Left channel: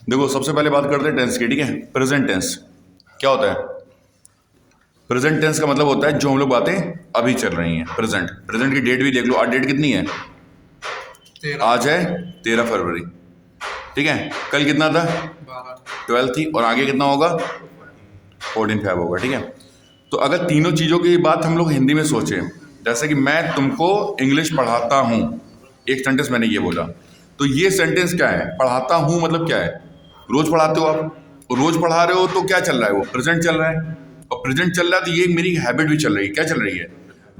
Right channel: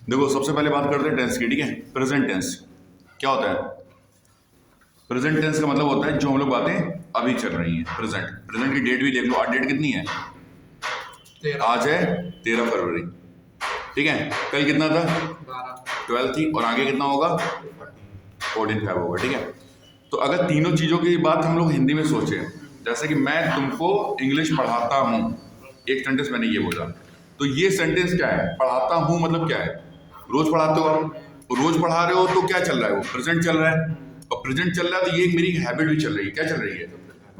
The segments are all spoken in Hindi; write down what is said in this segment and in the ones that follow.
देखो सबसे पहले बात करते हैं टेंस की, ठीक है। प्रेजेंट टेंस क्या होता है? प्रेजेंट टेंस का मतलब होता है जो हम लोग बातें अभी चल रही हैं, प्रेजेंट। प्रेजेंट की डेट भी देख लो, आज डेट कितनी है? आज है 13 फरवरी, ठीक है। कल कितना था? 12 थी, और आगे कितना होगा? 14 फेब होगा, ठीक है। तो अगर तीनों चीज़ों की बात हम लोग हिंदी में सोचें, जैसे कि मैं तुमको इंग्लिश पढ़ाता हूँ, एक सेंटेंस मैंने ये बोला, तो ये सेंटेंस क्या है? पढ़ाता हूँ मतलब क्या है? रोज पढ़ाते हो आप, रोज पढ़ा रहे हो, तो क्या चल रहा है? वो प्रेजेंट चल रहा है, और प्रेजेंट चल रहा है तो ये मेरी हैबिट भी चल रही है। क्या चल रही है?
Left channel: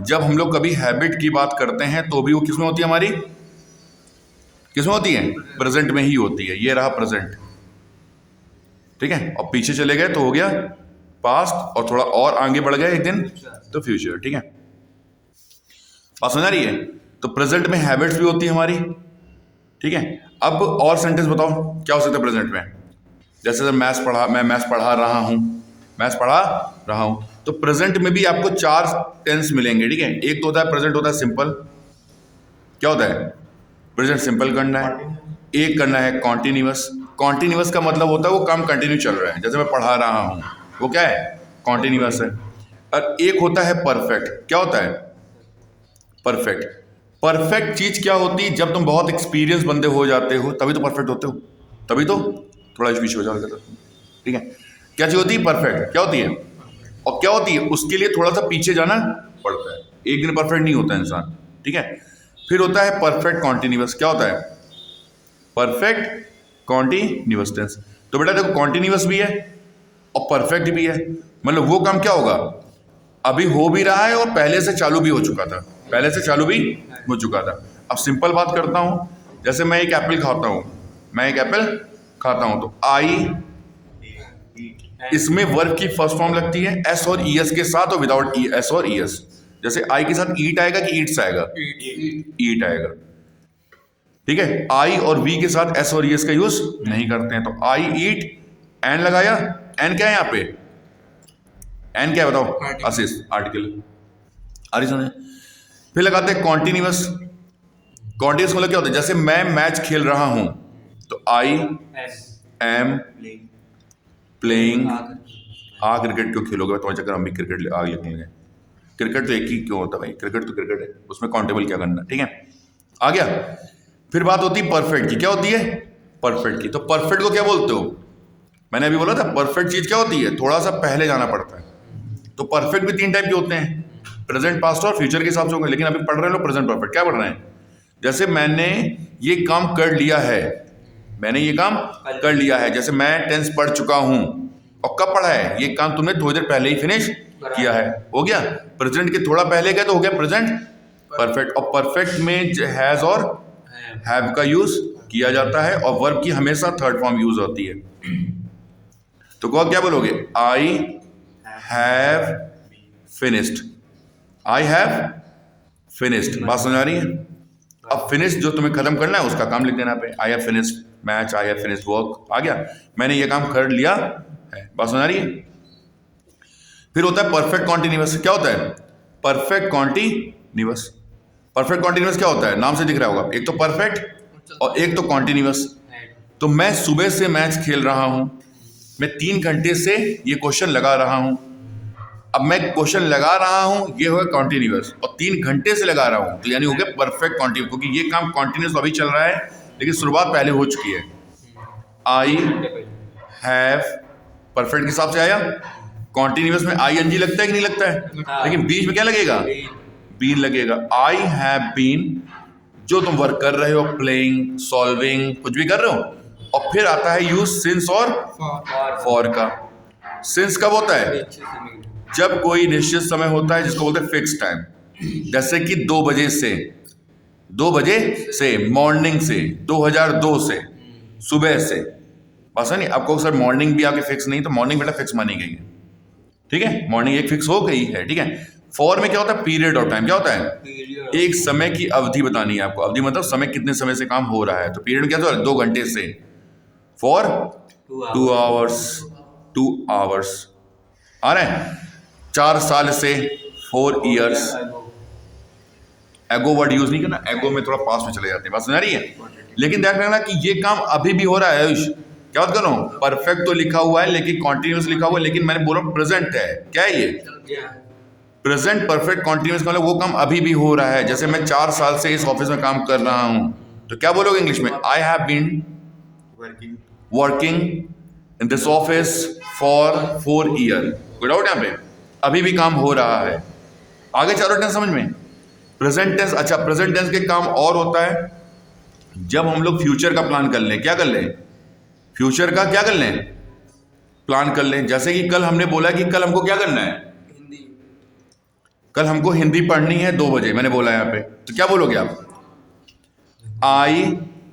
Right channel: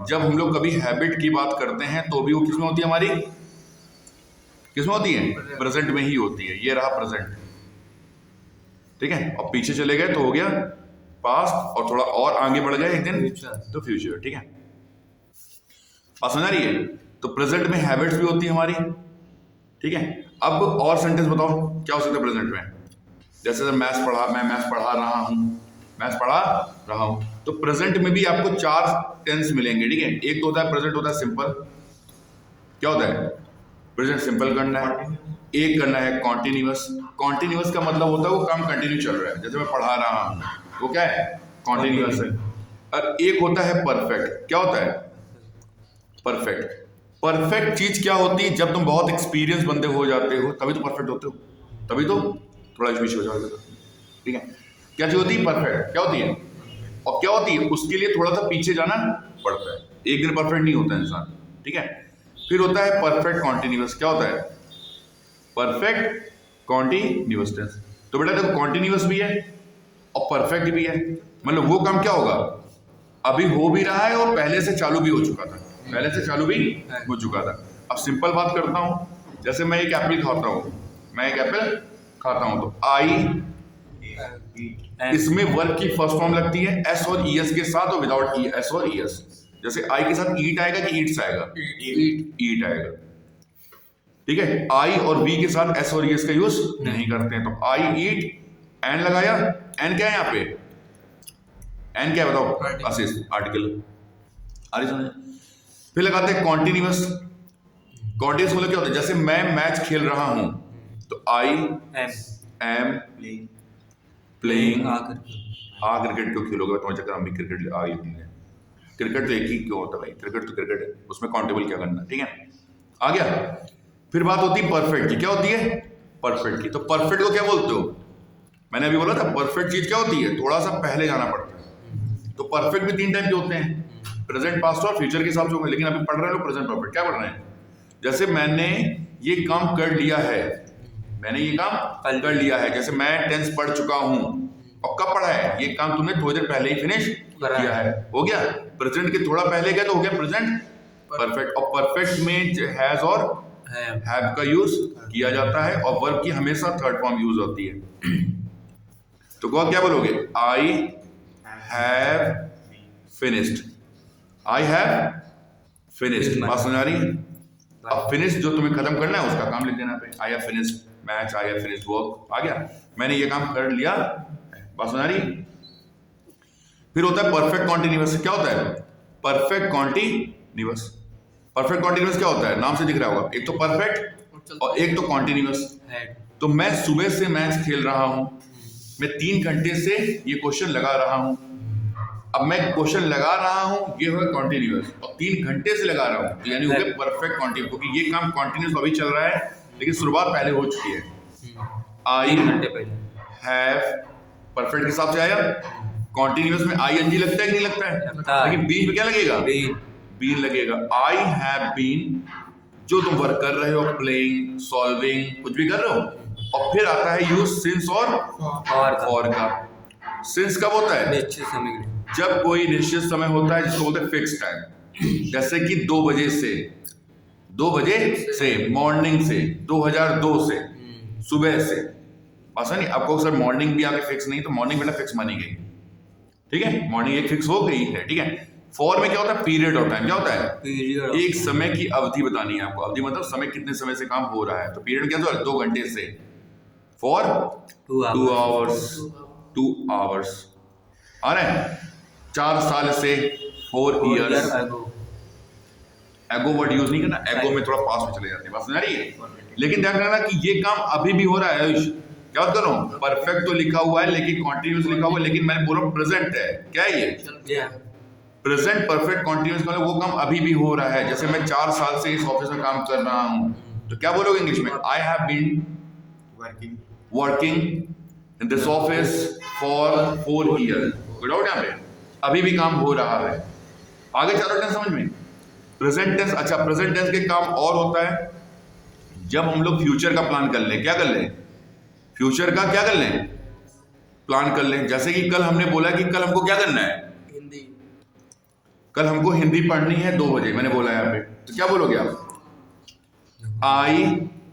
जब हम लोग कभी हैबिट की बात करते हैं तो भी वो किसमें होती है? हमारी किसमें होती है? प्रेजेंट में ही होती है। ये रहा प्रेजेंट, ठीक है। और पीछे चले गए तो हो गया पास्ट, और थोड़ा और आगे बढ़ गए एक दिन तो फ्यूचर, ठीक है। बात समझ आ रही है? तो प्रेजेंट में हैबिट्स भी होती है हमारी, ठीक है। अब और सेंटेंस बताओ क्या हो सकता है प्रेजेंट में? जैसे मैं मैथ्स पढ़ा रहा हूँ, मैथ्स पढ़ा रहा हूँ, तो प्रेजेंट में भी आपको 4 टेंस मिलेंगे, ठीक है। एक तो होता है प्रेजेंट, होता है सिंपल। क्या होता है? प्रेजेंट सिंपल करना है। एक करना है कॉन्टिन्यूअस। कॉन्टिन्यूअस का मतलब होता है वो काम कंटिन्यू चल रहा है, जैसे मैं पढ़ा रहा हूँ, वो क्या है? कॉन्टिन्यूअस है। और एक होता है परफेक्ट। क्या होता है? परफेक्ट। परफेक्ट चीज क्या होती है? जब तुम बहुत एक्सपीरियंस बंदे हो जाते हो तभी तो परफेक्ट होते हो, तभी तो थोड़ा पीछे हो जाओगे, ठीक है। क्या चीज होती है? परफेक्ट। क्या होती है? और क्या होती है? उसके लिए थोड़ा सा पीछे जाना पड़ता है, एक दिन परफेक्ट नहीं होता इंसान, ठीक है। फिर होता है परफेक्ट कॉन्टिन्यूअस। क्या होता है? Perfect continuous tense. तो बेटा देखो, कॉन्टिन्यूअस भी है और परफेक्ट भी है। मतलब वो काम क्या होगा? अभी हो भी रहा है और पहले से चालू भी हो चुका था, पहले से चालू भी हो चुका था। अब सिंपल बात करता हूं, जैसे मैं एक एप्पल खाता हूं, मैं एक एप्पल खाता हूं, तो आई, इसमें वर्ब की फर्स्ट फॉर्म लगती है एस और ई एस के साथ, और विदाउट एस और ई एस। जैसे आई के साथ ईट आएगा कि ईट्स आएगा? ईट आएगा, ठीक है। आई और वी के साथ एस और ई एस का यूज नहीं करते हैं, तो आई ईट, एन लगाया। एन क्या है यहाँ पे? एन क्या है बताओ? Assist, article. आ रही समझ? फिर लगाते हैं कॉन्टिन्यूअस। कॉन्टिन्यूअस मतलब क्या होता है? जैसे मैं मैच खेल रहा हूं, तो आई एम प्लेइंग। हाँ, क्रिकेट क्यों खेलोगे तुम्हारे चक्कर, हम भी क्रिकेट आगे खेलेंगे। क्रिकेट तो एक ही क्यों होता है भाई? क्रिकेट तो क्रिकेट है, उसमें काउंटेबल क्या करना, ठीक है। आ गया। फिर बात होती है परफेक्ट की। क्या होती है? परफेक्ट की। तो परफेक्ट को क्या बोलते हो? मैंने अभी बोला था परफेक्ट चीज क्या होती है? थोड़ा सा पहले जाना पड़ता है। तो परफेक्ट भी 3 टाइप के होते हैं, प्रेजेंट, पास्ट और फ्यूचर के हिसाब से होगा। लेकिन अभी पढ़ रहे हैं लोग प्रेजेंट परफेक्ट। क्या पढ़ रहे हैं? जैसे मैंने ये काम कर लिया है, मैंने ये काम कर लिया है। जैसे मैं टेंस पढ़ चुका हूं, और कब पढ़ा है? ये काम तुमने थोड़ी देर पहले ही फिनिश किया है, हो गया। प्रेजेंट के थोड़ा पहले गया तो हो गया प्रेजेंट परफेक्ट। और परफेक्ट में हैज और हैव का यूज किया जाता है, और वर्ब की हमेशा थर्ड फॉर्म यूज होती है। तो क्या बोलोगे? आई have finished, I have finished. बात समझ आ रही है? अब फिनिश जो तुम्हें खत्म करना है उसका काम लिख देना पे, I have finished match, I have finished work. आ गया, मैंने ये काम कर लिया है। बात समझ आ रही है? फिर होता है परफेक्ट कॉन्टिन्यूअस। क्या होता है? Perfect continuous. परफेक्ट कॉन्टिन्यूअस क्या होता है? नाम से दिख रहा होगा, एक तो परफेक्ट और एक तो कॉन्टिन्यूअस। तो मैं सुबह से मैच खेल रहा हूं, मैं 3 घंटे से ये क्वेश्चन लगा रहा हूं। अब मैं क्वेश्चन लगा रहा हूं, ये होगा कॉन्टिन्यूअस, और 3 घंटे से लगा रहा हूं, तो यानी हो गया परफेक्ट कॉन्टिन्यूअस, क्योंकि ये काम कॉन्टिन्यूअस अभी चल रहा है लेकिन शुरुआत पहले हो चुकी है। आई हैव, परफेक्ट के हिसाब से आया। कॉन्टिन्यूअस में आई एन जी लगता है कि नहीं लगता है? लेकिन बीच में क्या लगेगा? बीन लगेगा। आई हैव बीन, जो तुम वर्क कर रहे हो, प्लेइंग, सॉल्विंग, कुछ भी कर रहे हो। और फिर आता है यूज सिंस और फॉर का। सिंस कब होता है? जब कोई निश्चित समय होता है, जिसको बोलते हैं फिक्स टाइम। जैसे कि 2 बजे से, 2 बजे से, मॉर्निंग से, 2002 से, सुबह से। बस नहीं, आपको सर मॉर्निंग भी आगे फिक्स नहीं, तो मॉर्निंग बेटा फिक्स मानी गई है, ठीक है। मॉर्निंग एक फिक्स हो गई है, ठीक है। फॉर में क्या होता है? Period of time. क्या होता है? एक समय की अवधि बतानी है आपको। अवधि मतलब समय, कितने समय से काम हो रहा है। तो पीरियड क्या होता है? 2 घंटे से। For 2 hours, 2 hours. आ रहा है? 4 साल से, 4 ईयर्स। एगो वर्ड यूज नहीं करना, एगो में थोड़ा पास में चले जाते हैं। बात समझ आ रही है? लेकिन ध्यान रखना कि ये काम अभी भी हो रहा है आयुष, क्या बात कर रहा हूँ, परफेक्ट तो लिखा हुआ है लेकिन कॉन्टिन्यूस लिखा हुआ है, लेकिन मैंने बोला प्रेजेंट है। क्या है ये? प्रेजेंट परफेक्ट कॉन्टिन्यूस, मतलब वो काम अभी भी हो रहा है। जैसे मैं 4 साल से इस ऑफिस में काम कर रहा हूँ, तो क्या बोलोगे इंग्लिश में? I have been working in this office for 4 year. कोई डाउट यहाँ पे? अभी भी काम हो रहा है। आगे चारों टेंस समझ में? प्रेजेंट टेंस, अच्छा प्रेजेंट टेंस के काम और होता है जब हम लोग फ्यूचर का प्लान कर लें। क्या कर लें? फ्यूचर का क्या कर लें? प्लान कर लें। जैसे कि कल हमने बोला कि कल हमको क्या करना है? हिंदी। कल हमको हिंदी पढ़नी है 2 बजे, मैंने बोला यहाँ पे, तो क्या बोलोगे आप? आई,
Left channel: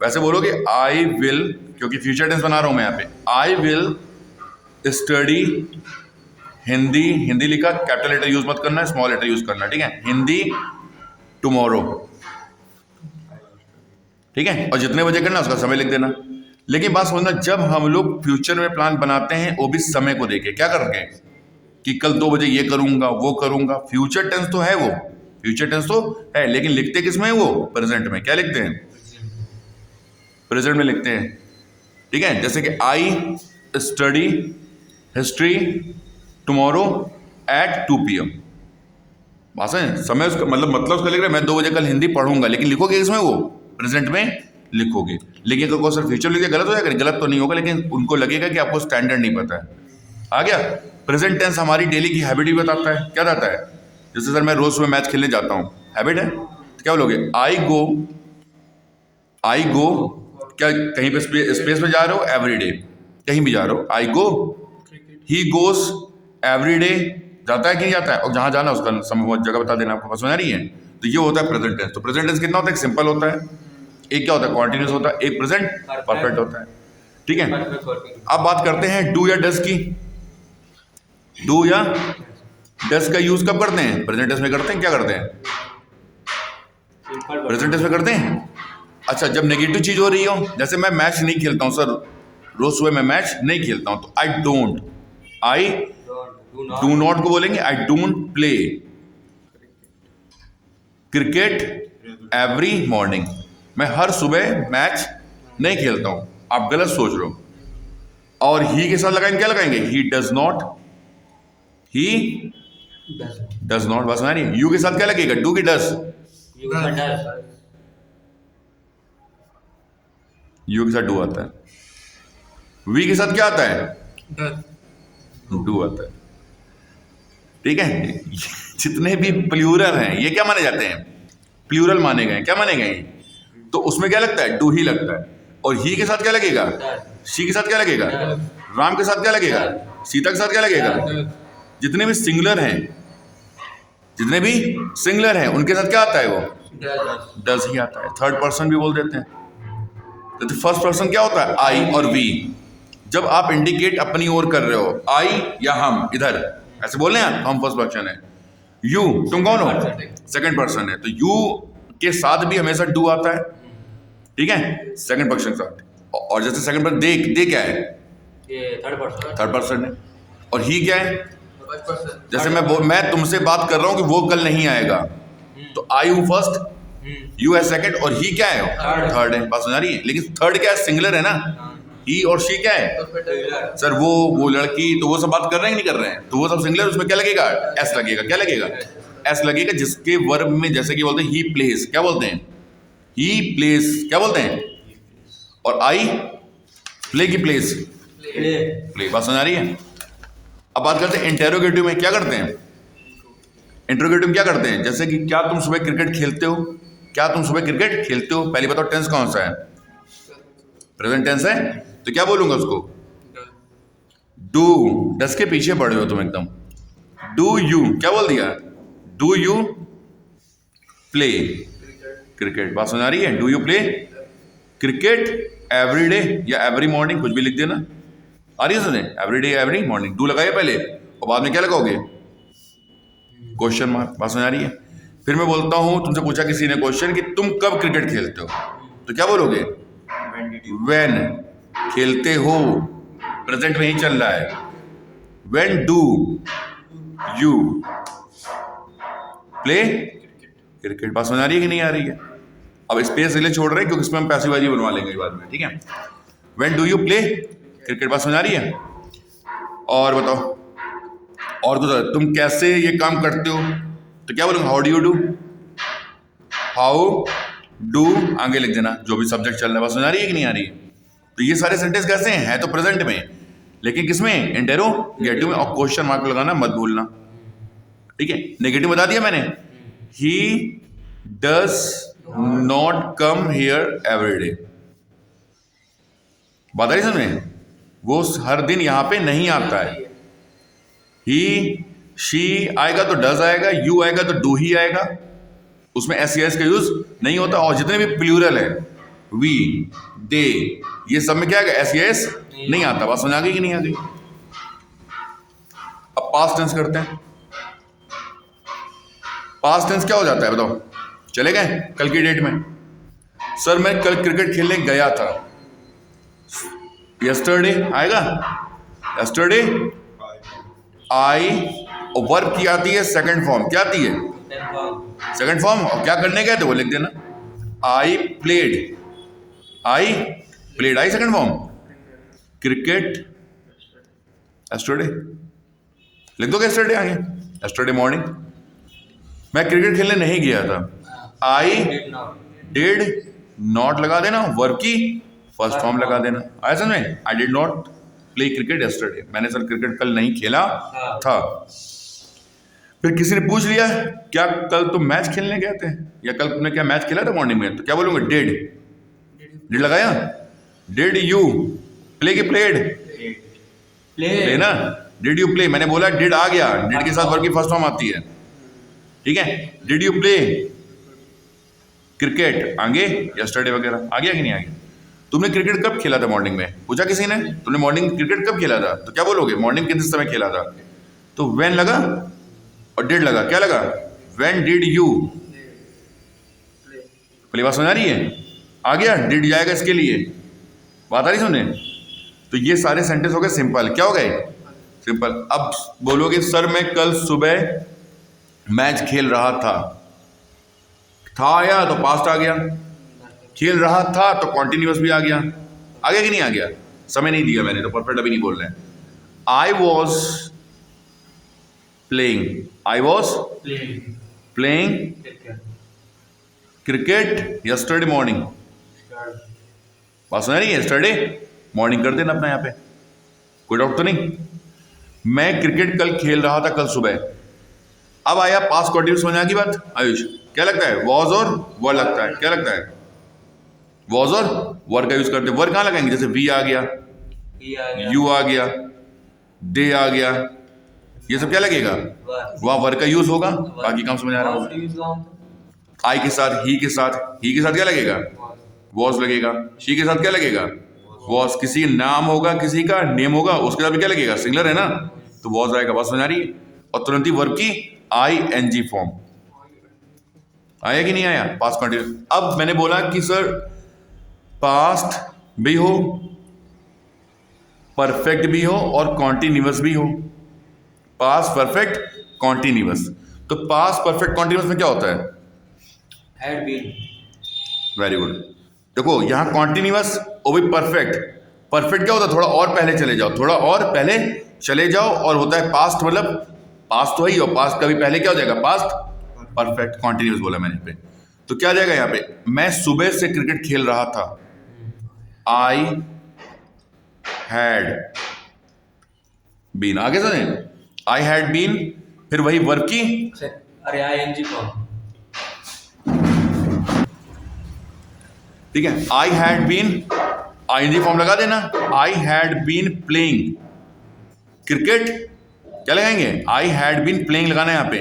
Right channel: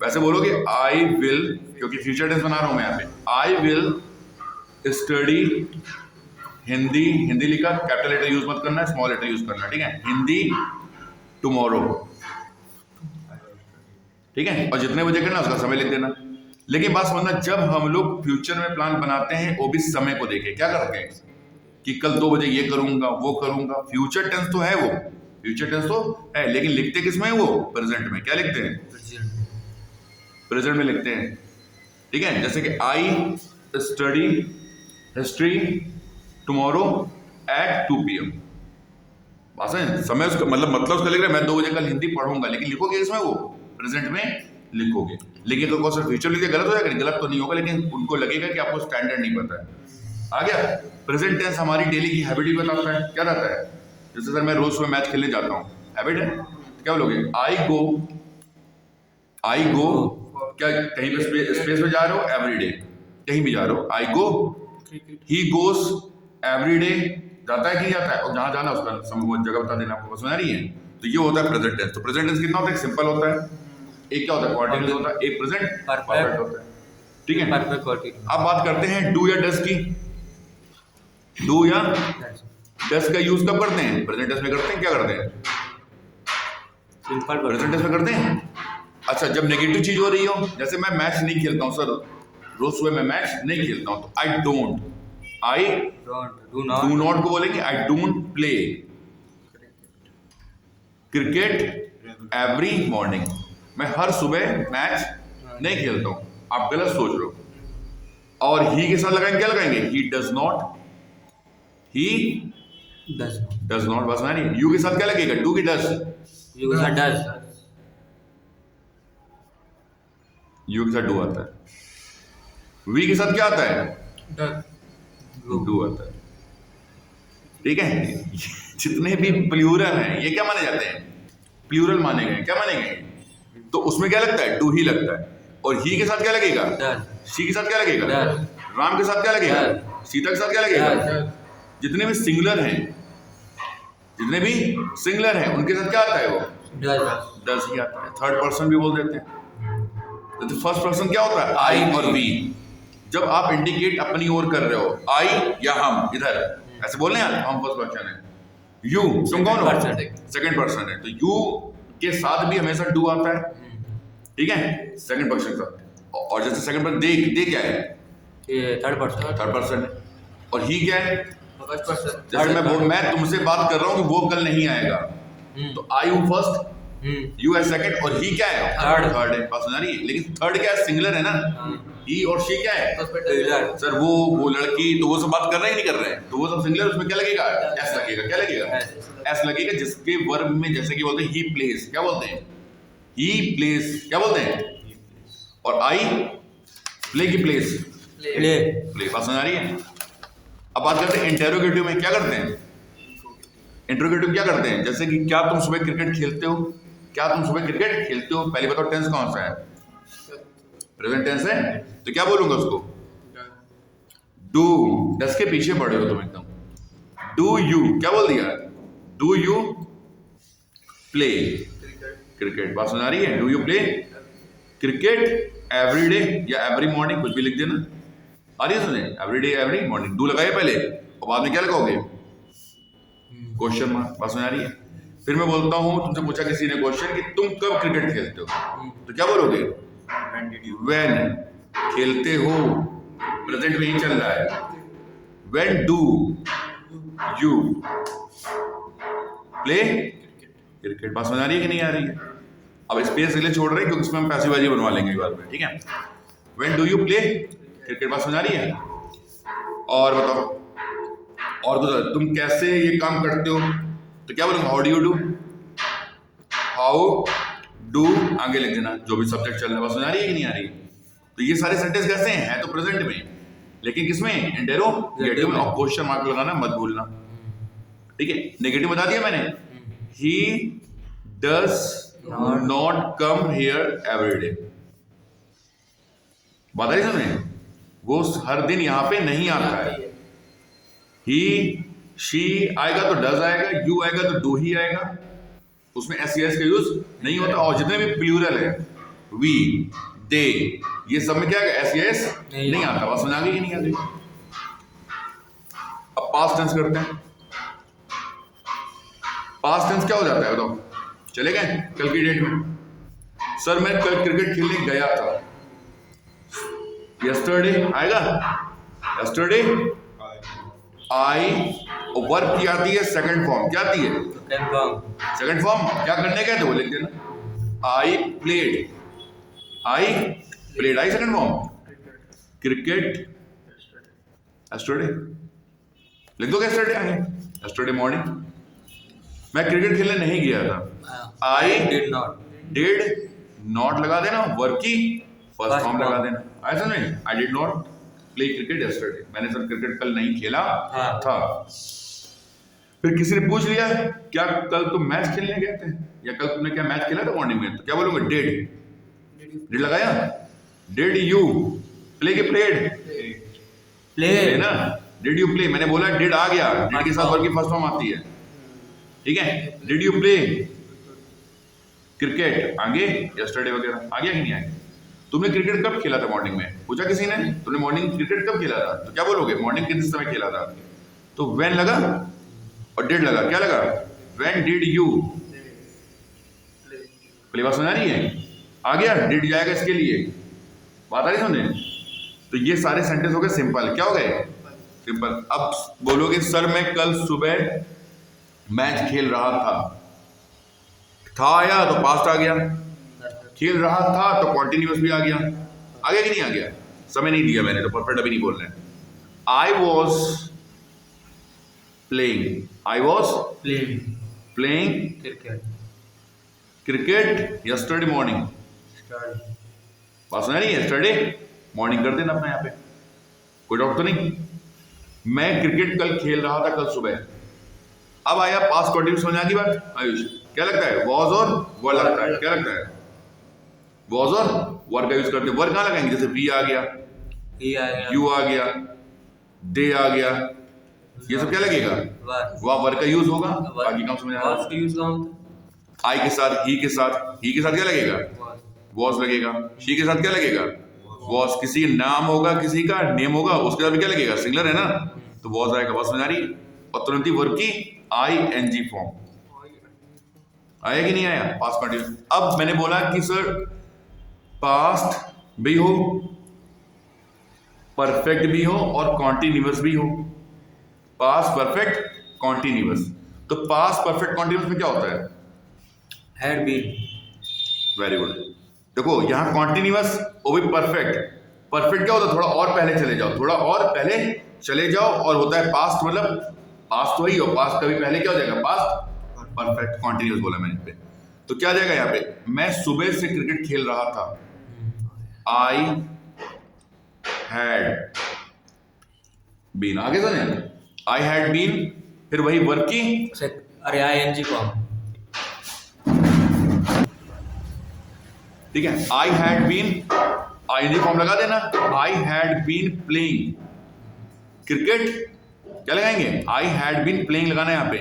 वैसे बोलोगे आई विल, क्योंकि फ्यूचर टेंस बना रहा हूं मैं यहाँ पे। I will study Hindi, Hindi लिखा, कैपिटल लेटर यूज मत करना है, स्मॉल लेटर यूज करना, ठीक है? हिंदी टुमारो, ठीक है? और जितने बजे करना उसका समय लिख देना। लेकिन बात समझना, जब हम लोग फ्यूचर में प्लान बनाते हैं वो भी समय को देके, क्या करके कि कल 2 बजे ये करूंगा वो करूंगा। फ्यूचर टेंस तो है वो, फ्यूचर टेंस तो है, लेकिन लिखते किस में? वो प्रेजेंट में। क्या लिखते हैं? प्रेजेंट में लिखते हैं, ठीक है? जैसे कि I study history tomorrow at 2 PM। बात है, समय उसका मतलब उसका लिख रहे हैं मैं 2 बजे कल हिंदी पढ़ूंगा, लेकिन लिखोगे इसमें? वो प्रेजेंट में लिखोगे। लेकिन अगर सर फ्यूचर लिखे गलत हो जाएगा? गलत तो नहीं होगा, लेकिन उनको लगेगा कि आपको स्टैंडर्ड नहीं पता है। आ गया? प्रेजेंट टेंस हमारी डेली की हैबिट भी बताता है। क्या रहता है? जैसे सर मैं रोज सुबह मैच खेलने जाता हूँ, हैबिट है, तो क्या बोलोगे? आई गो, क्या कहीं पे स्पेस पे जा रहे हो? एवरीडे, कहीं भी जा रहे हो, आई गो। ही गोज एवरीडे, जाता है कि नहीं जाता है? और जहां जाना उसका जगह बता देना, आपको समझ आ रही है? तो ये होता है प्रेजेंट टेंस। तो प्रेजेंट टेंस कितना होता है? एक सिंपल होता है, एक क्या होता है? कॉन्टिन्यूस होता है, एक प्रेजेंट परफेक्ट होता है, ठीक है? अब बात करते हैं डू या डस की। डू या डस का यूज कब करते हैं? प्रेजेंट टेंस में करते हैं। क्या करते हैं? प्रेजेंट टेंस में करते हैं। अच्छा, जब नेगेटिव चीज हो रही हो, जैसे मैं मैच नहीं खेलता हूं सर, रोज सुबह मैं मैच नहीं खेलता हूं, तो आई डू नॉट को बोलेंगे I don't play cricket every morning. मैं हर सुबह मैच नहीं खेलता हूं। आप गलत सोच रहे हो। और ही के साथ लगाएंगे, क्या लगाएंगे? He does not, he does not. बस ना नहीं, यू के साथ क्या लगेगा? डू की डस, यू के साथ डू आता है। वी के साथ क्या आता है? डू आता है, ठीक है? जितने भी प्लूरल हैं ये क्या माने जाते हैं? प्लूरल माने गए। क्या माने गए? तो उसमें क्या लगता है? डू ही लगता है। और ही के साथ क्या लगेगा? शी के साथ क्या लगेगा? राम के साथ क्या लगेगा? सीता के साथ क्या लगेगा? जितने भी सिंगुलर हैं, जितने भी सिंगुलर हैं उनके साथ क्या आता है? वो डज ही आता है। थर्ड पर्सन भी बोल देते हैं। तो फर्स्ट पर्सन क्या होता है? आई और वी। जब आप इंडिकेट अपनी ओर कर रहे हो, आई या हम, इधर ऐसे बोल रहे हैं हम फर्स्ट पर्सन है। यू, तुम कौन हो? सेकंड पर्सन है। तो यू के साथ भी हमेशा डू आता है, ठीक है? सेकंड पर्सन के साथ। और जैसे सेकंड पर्सन दे क्या है? थर्ड पर्सन है। और ही क्या है? जैसे मैं तुमसे बात कर रहा हूं कि वो कल नहीं आएगा, तो आई हूं फर्स्ट, यू है सेकंड, और ही क्या है? थर्ड है। बात सुना रही है? लेकिन थर्ड क्या है? सिंगुलर है ना। ही और शी क्या है? सर वो लड़की, तो वो सब बात कर रहे हैं नहीं कर रहे हैं? तो वो सब सिंगुलर, उसमें क्या लगेगा? एस लगेगा। क्या लगेगा? एस लगेगा। जिसके वर्ब में जैसे कि बोलते हैं ही प्लेस, क्या बोलते हैं? ही प्लेस, क्या बोलते हैं? और आई प्ले की प्लेस, प्ले। बात सुना रही है? अब बात करते हैं इंटेरोगेटिव में क्या करते हैं? इंटेरोगेटिव क्या करते हैं? जैसे कि क्या तुम सुबह क्रिकेट खेलते हो? क्या तुम सुबह क्रिकेट खेलते हो? पहले बताओ टेंस कौन सा है? प्रेजेंट टेंस है, तो क्या बोलूंगा उसको? डू। डस के पीछे पड़े हो तुम एकदम। डू यू, क्या बोल दिया? Do you play cricket? बात सुना रही है? Do you play cricket every day या एवरी मॉर्निंग, कुछ भी लिख देना। आ रही है सुने? Every day every morning. Do लगाइए पहले और बाद में क्या लगाओगे? Question mark. बात सुना रही है? फिर मैं बोलता हूं, तुमसे पूछा किसी ने क्वेश्चन कि तुम कब क्रिकेट खेलते हो, तो क्या बोलोगे? व्हेन। खेलते हो प्रेजेंट में ही चल रहा है। When do you play cricket? बात समझ आ रही है कि नहीं आ रही है? अब स्पेस इसलिए छोड़ रहे हैं क्योंकि इसमें हम पैसिव वाइज बनवा लेंगे बाद में, ठीक है? When do you play cricket बात समझ आ रही है? और बताओ, और कुछ तुम कैसे ये काम करते हो तो क्या बोलोगे? How do you do, how do आगे लिख देना, जो भी सब्जेक्ट चल रहा है। बात समझ आ रही है कि नहीं आ रही है? तो ये सारे सेंटेंस कैसे हैं? है तो प्रेजेंट में, लेकिन किसमें? इंटेरोगेटिव में। और क्वेश्चन मार्क लगाना मत भूलना, ठीक है? नेगेटिव बता दिया मैंने, he does not come here every day. बात आ रही समझ? वो हर दिन यहां पे नहीं आता है। ही शी आएगा तो डज आएगा, यू आएगा तो डू ही आएगा, उसमें एस का यूज नहीं होता। और जितने भी प्लूरल है, वी, दे, ये सब में क्या आएगा? एस नहीं आता। बात समझ आ गई कि नहीं आ गई? अब पास्ट टेंस करते हैं। पास्ट टेंस क्या हो जाता है बताओ? चले गए कल की डेट में, सर मैं कल क्रिकेट खेलने गया था। यस्टरडे आएगा, यस्टरडे आई, और वर्ब की आती है सेकंड फॉर्म। क्या आती है? Second form. और क्या करने गए थे वो लिख देना, I played, I played, I second form, cricket yesterday लिख दो। यस्टरडे आगे, यस्टरडे मॉर्निंग मैं क्रिकेट खेलने नहीं गया था। आई डिड नॉट लगा देना, वर्ब की फर्स्ट फॉर्म लगा देना। आया समझ में? I did not play cricket yesterday, मैंने सर क्रिकेट कल नहीं खेला था। फिर किसी ने पूछ लिया क्या कल तुम मैच खेलने गए थे, या कल तुमने क्या मैच खेला था मॉर्निंग में, तो क्या बोलूंगा? डिड, डिड लगाया। डिड यू प्ले के प्लेड, प्ले ना, डिड यू प्ले, मैंने बोला डिड आ गया, डिड के साथ वर्ब की फर्स्ट फॉर्म आती है, ठीक है? डिड यू प्ले क्रिकेट आगे यस्टरडे वगैरह आ गया कि नहीं आ गया? तुमने क्रिकेट कब खेला था मॉर्निंग में, पूछा किसी ने, तुमने मॉर्निंग क्रिकेट कब खेला था, तो क्या बोलोगे? मॉर्निंग किस समय खेला था? तो व्हेन लगा और डिड लगा, क्या लगा? When did you play. बात समझ आ रही है? आ गया, डिड जाएगा इसके लिए। बात आ रही समझे? तो ये सारे सेंटेंस हो गए सिंपल। क्या हो गए? सिंपल। अब बोलोगे सर मैं कल सुबह मैच खेल रहा था आया तो पास्ट आ गया, खेल रहा था तो कॉन्टिन्यूअस भी आ गया कि नहीं आ गया? समय नहीं दिया मैंने तो परफेक्ट अभी नहीं बोल रहे हैं। I was playing, I was playing cricket yesterday morning. बात सुना रही है? यस्टरडे मॉर्निंग कर देना अपना, यहाँ पे कोई डाउट तो नहीं। मैं क्रिकेट कल खेल रहा था कल सुबह। अब आया पास्ट कंटिन्यूअस, समझ आ गई बात? आयुष क्या लगता है? वॉज और वर लगता है। क्या लगता है? वॉज और वर का यूज करते हैं। वर कहाँ लगाएंगे? जैसे वी आ गया, यू आ गया, दे आ गया, ये सब क्या लगेगा? वह वर का यूज होगा। बाकी काम समझ आ रहा होगा। आई के साथ, ही के साथ, ही के साथ क्या लगेगा? वॉज लगेगा। शी के साथ क्या लगेगा? वॉज। किसी नाम होगा, किसी का नेम होगा, उसके साथ भी क्या लगेगा? सिंगुलर है ना, तो वॉज आएगा। बात समझ आ रही है? और तुरंत ही वर्ब की ING फॉर्म आया कि नहीं आया? Past continuous. अब मैंने बोला कि सर पास्ट भी हो, परफेक्ट भी हो और कॉन्टिन्यूअस भी हो। Past perfect continuous. तो पास्ट परफेक्ट कॉन्टिन्यूअस में क्या होता है? Had been. Very good. देखो यहाँ कॉन्टिन्यूअस और भी परफेक्ट। परफेक्ट क्या होता है? थोड़ा और पहले चले जाओ, थोड़ा और पहले चले जाओ। और होता है पास्ट, मतलब पास्ट तो ही हो, पास्ट कभी पहले क्या हो जाएगा? पास्ट परफेक्ट कॉन्टिन्यूअस बोला मैंने पे। तो क्या आ जाएगा यहाँ पे? मैं सुबह से क्रिकेट खेल रहा था। I had been. आगे सुने, आई हैड बीन, फिर वही वर्ब की, अरे ING फॉर्म, ठीक है? I had been, ING form लगा देना। I had been playing cricket, क्या लगाएंगे? आई हैड बीन प्लेइंग लगाना है यहाँ पे,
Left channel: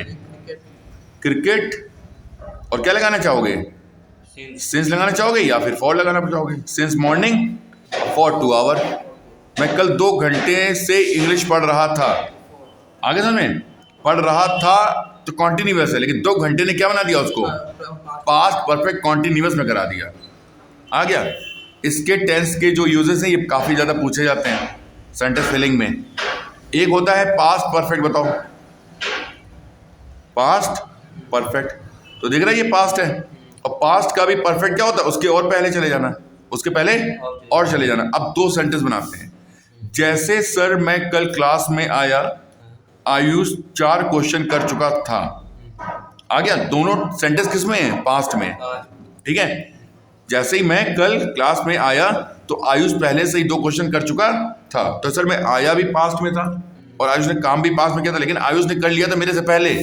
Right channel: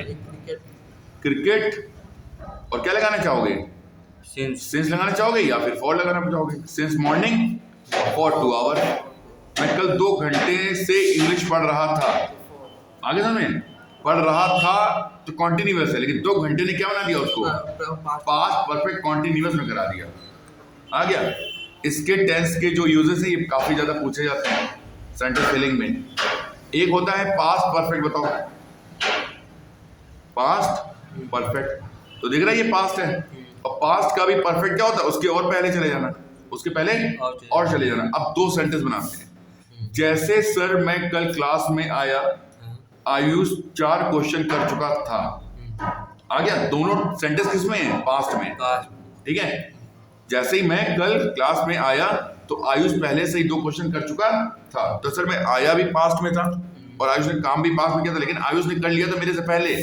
क्रिकेट। और क्या लगाना चाहोगे? सिंस लगाना चाहोगे या फिर फॉर लगाना चाहोगे? Since morning for 2 hour. मैं कल 2 घंटे से इंग्लिश पढ़ रहा था। आगे समझ में? पढ़ रहा था तो कॉन्टिन्यूअस है, लेकिन 2 घंटे ने क्या बना दिया उसको? पास्ट परफेक्ट कॉन्टिन्यूअस में करा दिया। आ गया? इसके टेंस के जो यूजेस हैं ये काफ़ी ज़्यादा पूछे जाते हैं सेंटेंस फिलिंग में। एक होता है पास्ट परफेक्ट, बताओ पास्ट परफेक्ट, तो देख रहा है ये पास्ट है। और पास्ट का भी परफेक्ट क्या होता है? उसके और पहले चले जाना, उसके पहले और चले जाना। अब 2 सेंटेंस बनाते हैं। जैसे सर मैं कल क्लास में आया, आयुष 4 क्वेश्चन कर चुका था। आ गया? दोनों सेंटेंस किस में है? पास्ट में। पास्ट। ठीक है, जैसे ही मैं कल क्लास में आया तो आयुष पहले से ही 2 क्वेश्चन कर चुका था। तो सर मैं आया भी पास्ट में था और आयुष ने काम भी पास्ट में किया था, लेकिन आयुष ने कर लिया था मेरे से पहले,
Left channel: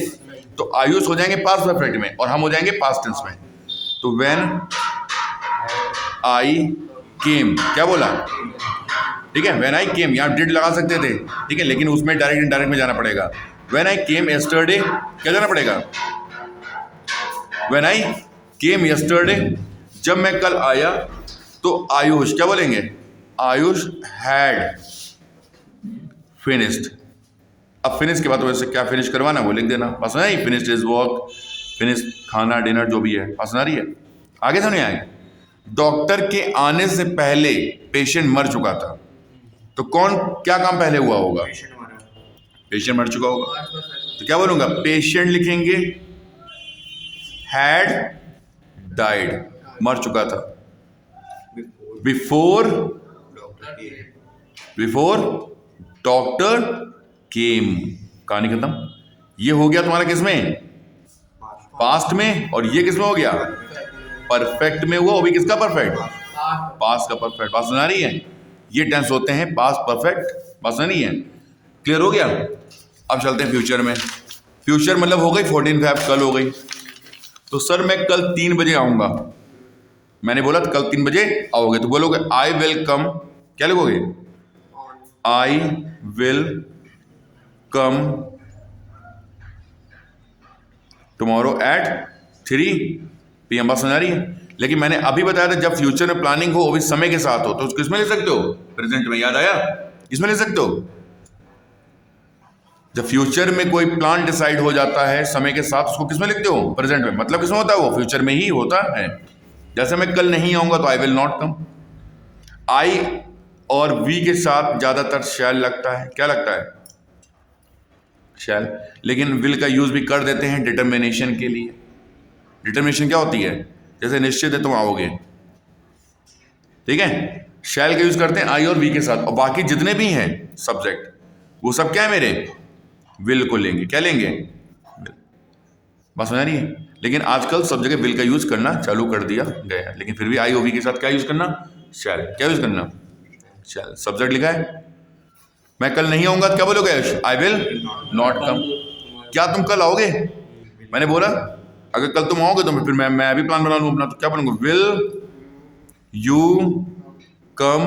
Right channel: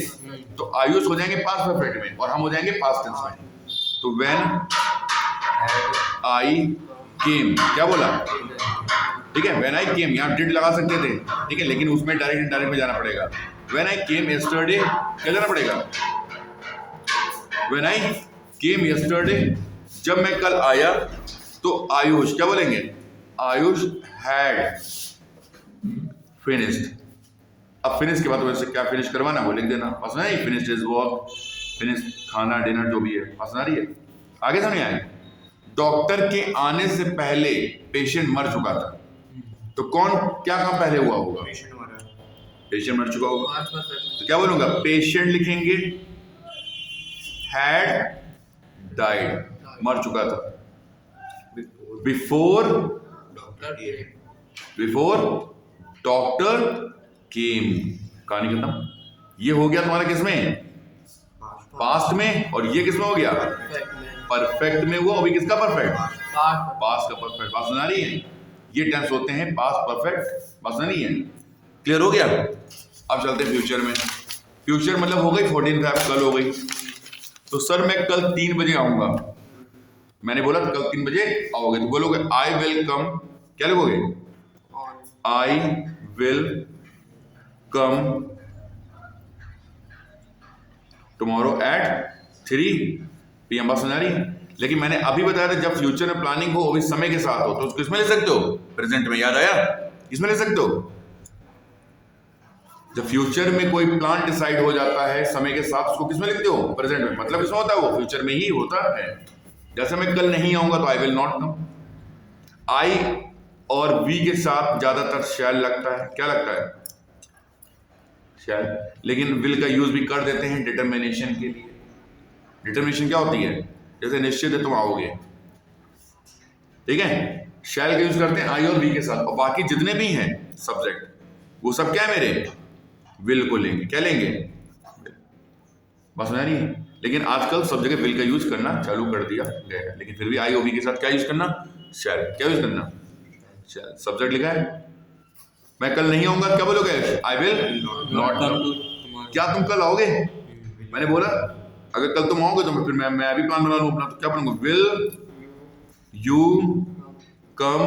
तो आयुष हो जाएंगे पास्ट परफेक्ट में और हम हो जाएंगे पास्ट टेंस में। तो व्हेन आई केम, क्या बोला? ठीक है, व्हेन आई केम, यहाँ डिड लगा सकते थे, ठीक है, लेकिन उसमें डायरेक्ट इनडायरेक्ट में जाना पड़ेगा। व्हेन आई केम यस्टरडे, क्या जाना पड़ेगा? व्हेन आई केम यस्टरडे, जब मैं कल आया तो आयुष, क्या बोलेंगे? Ayush had finished. अब फिनिश के बाद वैसे क्या फिनिश करवाना वो लिख देना, पसंद है? फिनिश्ड हिज वर्क, फिनिश खाना डिनर जो भी है, पसंद आ रही है? आगे तो नहीं आएगी। डॉक्टर के आने से पहले पेशेंट मर चुका था, तो कौन क्या काम पहले हुआ होगा? पेशेंट मर चुका होगा, तो क्या बोलूंगा? पेशेंट लिखेंगे, हैड डाइड, मर चुका था। बिफोर डॉक्टर केम, कहानी खत्म। ये हो गया तुम्हारा किस में? पास्ट में। और ये किस में हो गया? परफेक्ट में हुआ। अभी किसका परफेक्ट? पास्ट का परफेक्ट। बात सुना रही है? ये टेंस होते हैं पास्ट परफेक्ट। बात सुना रही है? क्लियर हो गया? अब चलते हैं फ्यूचर में। फ्यूचर मतलब हो गई 14 कल हो गई। तो सर मैं कल 3 बजे आऊंगा, मैंने बोला कल 3 बजे आओगे, तो बोलोगे आई विल कम, क्या लिखोगे? I will come tomorrow at 3 PM। बात समझ रही है? लेकिन मैंने अभी बताया था जब फ्यूचर में प्लानिंग हो वो भी समय के साथ हो, तो उसको किसमें ले सकते हो? प्रेजेंट में। याद आया? किसमें ले सकते हो? जब फ्यूचर में कोई प्लान डिसाइड हो जाता है समय के साथ, उसको किसमें लिखते हो? प्रेजेंट में। मतलब किसमें होता है? वो फ्यूचर में ही होता है। जैसे मैं कल नहीं आऊंगा तो आई विल नॉट कम। आई और वी के साथ ज्यादातर शैल लगता है। क्या लगता है? शैल। लेकिन विल का यूज भी कर देते हैं डिटर्मिनेशन के लिए। डिटर्मिनेशन क्या होती है? जैसे निश्चित है तुम आओगे, ठीक है, शैल का यूज करते हैं आई और वी के साथ। और बाकी जितने भी हैं सब्जेक्ट, वो सब क्या है मेरे? विल को लेंगे। क्या लेंगे? बस समझ रही है? लेकिन आजकल सब जगह विल का यूज करना चालू कर दिया गया है, लेकिन फिर भी आई और वी के साथ क्या यूज करना? शैल। क्या यूज करना? शैल। सब्जेक्ट लिखा है। मैं कल नहीं आऊंगा, क्या बोलोगे? I will not come. क्या तुम कल आओगे? मैंने बोला अगर कल तुम आओगे तो फिर मैं भी प्लान बना लूं अपना, तो क्या बनूंगा? Will you come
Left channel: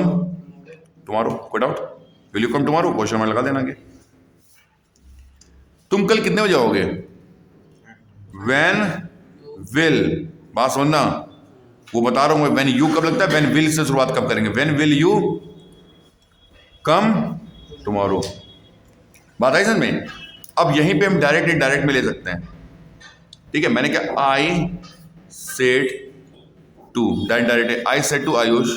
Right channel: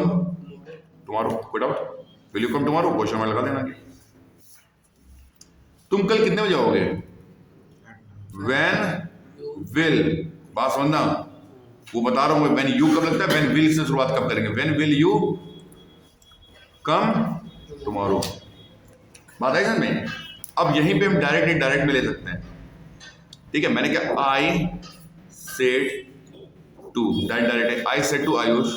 tomorrow. Put out will you come tomorrow, question में लगा देना। तुम कल कितने बजे आओगे? व्हेन विल, बात सुनना, वो बता रहा हूं। व्हेन यू कब लगता है? व्हेन विल से शुरुआत कब करेंगे? When will you come tomorrow. बात आई समझ में? अब यहीं पे हम डायरेक्ट इनडायरेक्ट में ले सकते हैं, ठीक है। मैंने क्या? आई सेड टू, डायरेक्ट है। I said to Ayush,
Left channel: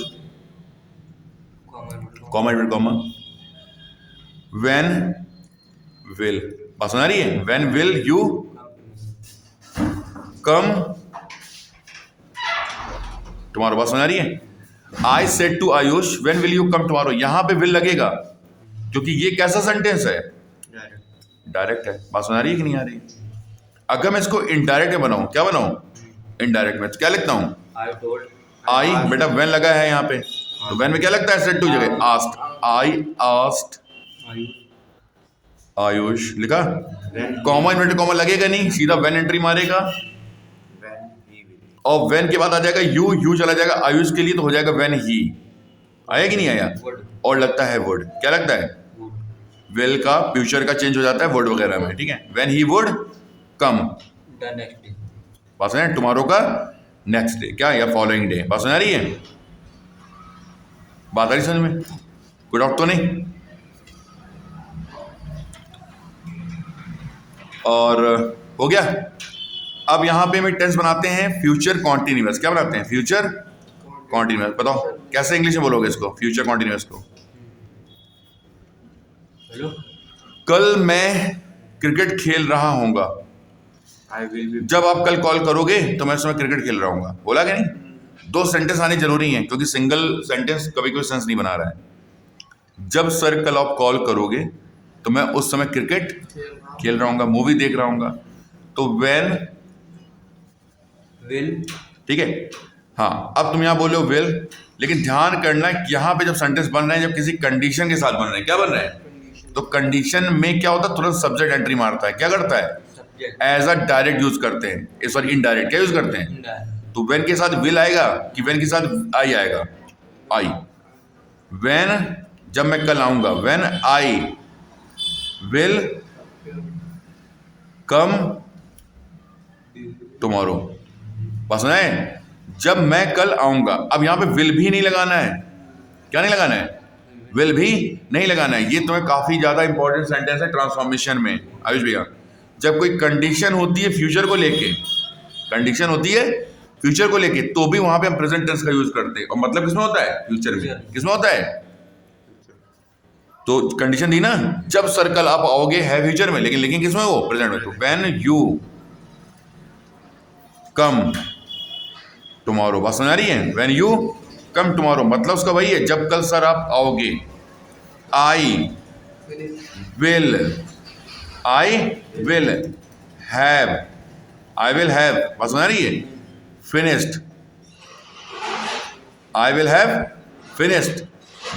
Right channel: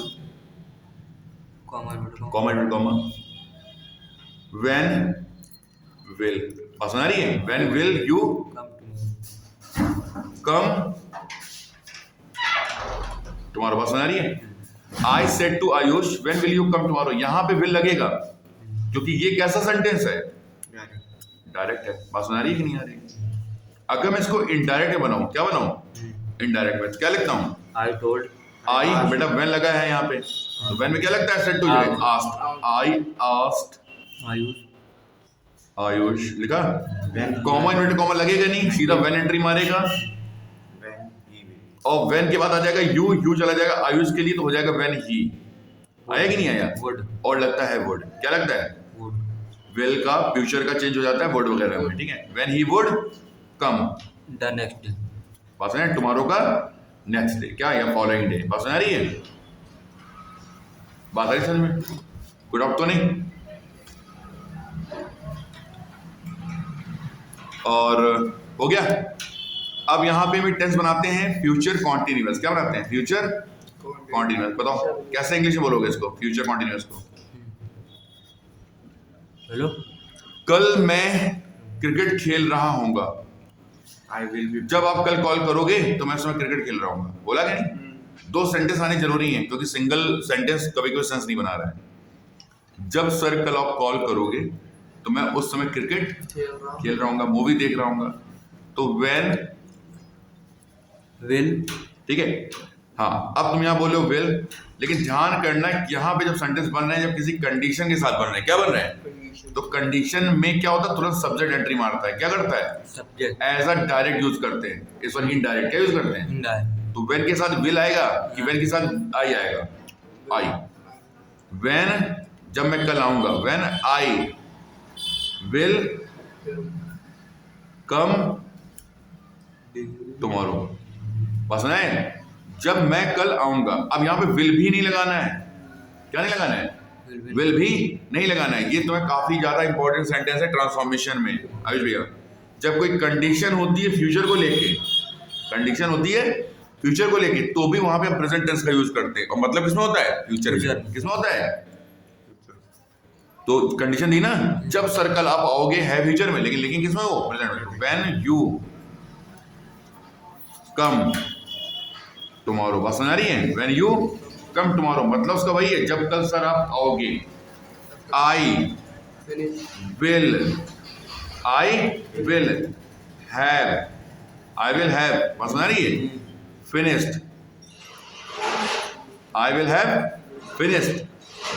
comma comma, when will, बात सुना रही है? When will you come tomorrow, बात सुना रही है? I said to Ayush when will you come tomorrow, यहां पे विल लगेगा क्योंकि ये कैसा सेंटेंस है? डायरेक्ट है। बात सुना रही है कि नहीं आ रही? अगर मैं इसको इनडायरेक्ट में बनाऊं, क्या बनाऊं? इनडायरेक्ट में, तो क्या लिखता हूं? I told. आई बेटा व्हेन लगा है यहाँ पे, तो व्हेन में क्या लगता है? सेड टू जगह आस्क्ड। आई आस्क्ड आयुष, लिखा। कॉमा इन्वर्टेड कॉमा लगेगा नहीं, सीधा व्हेन एंट्री मारेगा और व्हेन के बाद आ जाएगा यू चला जाएगा आयुष के लिए, तो हो जाएगा व्हेन ही। आया कि नहीं आया? और लगता है वुड। क्या लगता है? विल का फ्यूचर का चेंज हो जाता है वुड वगैरह में, ठीक है। When he would come the next day, बात सुना? टुमारो का नेक्स्ट डे, क्या? या फॉलोइंग डे। बात सुना रही है? बात आ रही समझ में? कोई डाउट तो नहीं? और हो गया। अब यहां पे हम टेंस बनाते हैं फ्यूचर कॉन्टिन्यूअस। क्या बनाते हैं? Future continuous. बताओ कैसे इंग्लिश में बोलोगे इसको, फ्यूचर कॉन्टिन्यूअस को? हेलो, कल मैं क्रिकेट खेल रहा हूंगा। जब आप कल कॉल करोगे तो मैं उस समय क्रिकेट खेल रहा हूंगा, बोला कि नहीं? 2 सेंटेंस आने जरूरी हैं क्योंकि सिंगल सेंटेंस कभी कोई सेंस नहीं बना रहा है। जब सर कल आप कॉल करोगे तो मैं उस समय क्रिकेट खेल रहा हूँ, मूवी देख रहा हूँ। तो व्हेन, will, ठीक है। हाँ, अब तुम यहाँ बोलो विल, लेकिन ध्यान करना है यहाँ पे जब सेंटेंस बन रहे हैं, जब किसी कंडीशन के साथ बन रहे हैं, क्या बन रहा है? तो कंडीशन में क्या होता है, तुरंत सब्जेक्ट एंट्री मारता है। क्या करता है? subject, as a direct use करते हैं, इस बार इनडायरेक्ट क्या यूज करते हैं? indirect, तो व्हेन के साथ विल आएगा कि व्हेन के साथ आई आएगा? आई। व्हेन जब मैं कल आऊंगा, when I will come tomorrow. बस है, जब मैं कल आऊंगा। अब यहां पे विल भी नहीं लगाना है। क्या नहीं लगाना है? विल भी नहीं लगाना है। ये तुम्हें काफी ज्यादा इंपॉर्टेंट सेंटेंस है ट्रांसफॉर्मेशन में आयुष भैया। जब कोई कंडीशन होती है फ्यूचर को लेके, कंडीशन होती है फ्यूचर को लेके, तो भी वहां पे हम प्रेजेंट टेंस का यूज करते हैं। और मतलब किसमें होता है? फ्यूचर में। किसमें होता है? तो कंडीशन दी ना, जब सर्कल आप आओगे है फ्यूचर में, लेकिन किसमें? वो प्रेजेंट में। तो व्हेन यू कम टुमारो। बात समझ आ रही है? व्हेन यू कम टुमारो मतलब उसका वही है, जब कल सर आप आओगे। आई will have, I will have, बात समझ आ रही है? Finished, I will have finished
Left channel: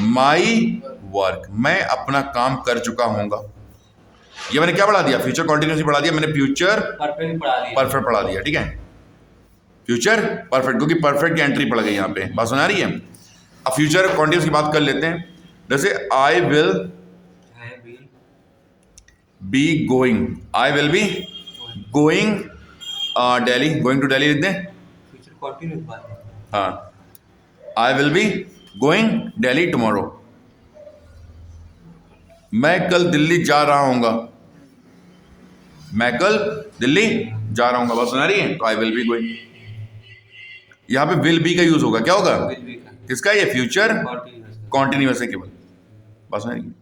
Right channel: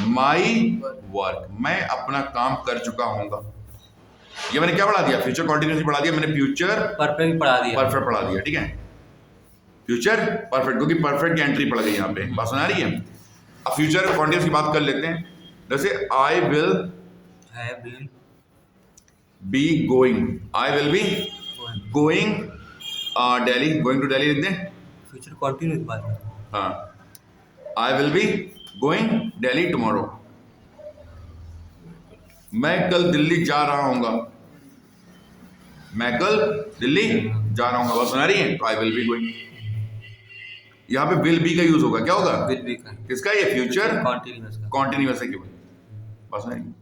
my work, मैं अपना काम कर चुका हूंगा। ये मैंने क्या पढ़ा दिया? फ्यूचर कॉन्टिन्यूसली पढ़ा दिया मैंने, फ्यूचर perfect पढ़ा दिया, परफेक्ट पढ़ा दिया। ठीक है, फ्यूचर परफेक्ट, क्योंकि परफेक्ट की एंट्री पड़ गई यहाँ पे। बात सुना रही है? अब फ्यूचर कॉन्टिन्यूस की बात कर लेते हैं। जैसे I will have been, be going, I will be going Delhi, going to Delhi लिख दें। future continuous बात है, हाँ, I will be going Delhi tomorrow, मैं कल दिल्ली जा रहा हूँगा, मैं कल दिल्ली जा रहा हूँगा। बात सुना रही है? तो आई विल बी गोइंग, यहाँ पे विल बी का यूज होगा। क्या होगा? will be का, किसका? ये फ्यूचर continuous का, कॉन्टिन्यूस है केवल। बस सुना रही है?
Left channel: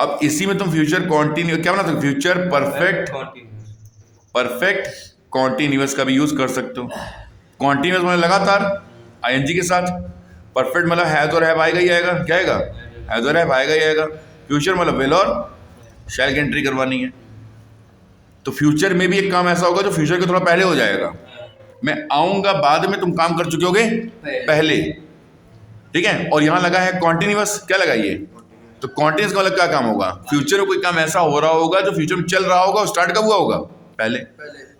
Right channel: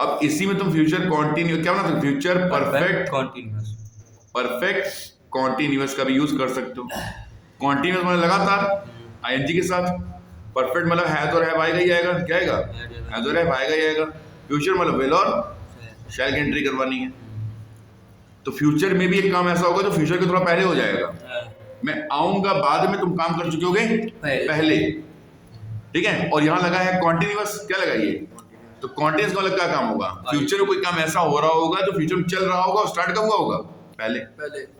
अब इसी में तुम फ्यूचर कॉन्टिन्यू क्या बना सकते? Future perfect, continuous, perfect continuous का भी यूज कर सकते हो। कॉन्टिन्यूस मतलब लगातार आईएनजी के साथ। परफेक्ट मतलब हैज और हैव आएगा ही आएगा। क्या आएगा? हैज और हैव आएगा ही आएगा। फ्यूचर मतलब विल और शैल की एंट्री करवानी है। तो फ्यूचर में भी एक काम ऐसा होगा जो फ्यूचर के थोड़ा पहले हो जाएगा। मैं आऊंगा बाद में, तुम काम कर चुके होगे पहले। ठीक है, और यहां लगा है कॉन्टिन्यूस। क्या लगा ये? तो कॉन्टिन्यूस का मतलब क्या काम होगा? फ्यूचर में कोई काम ऐसा हो रहा होगा जो फ्यूचर में चल रहा होगा और स्टार्ट कब हुआ होगा? पहले।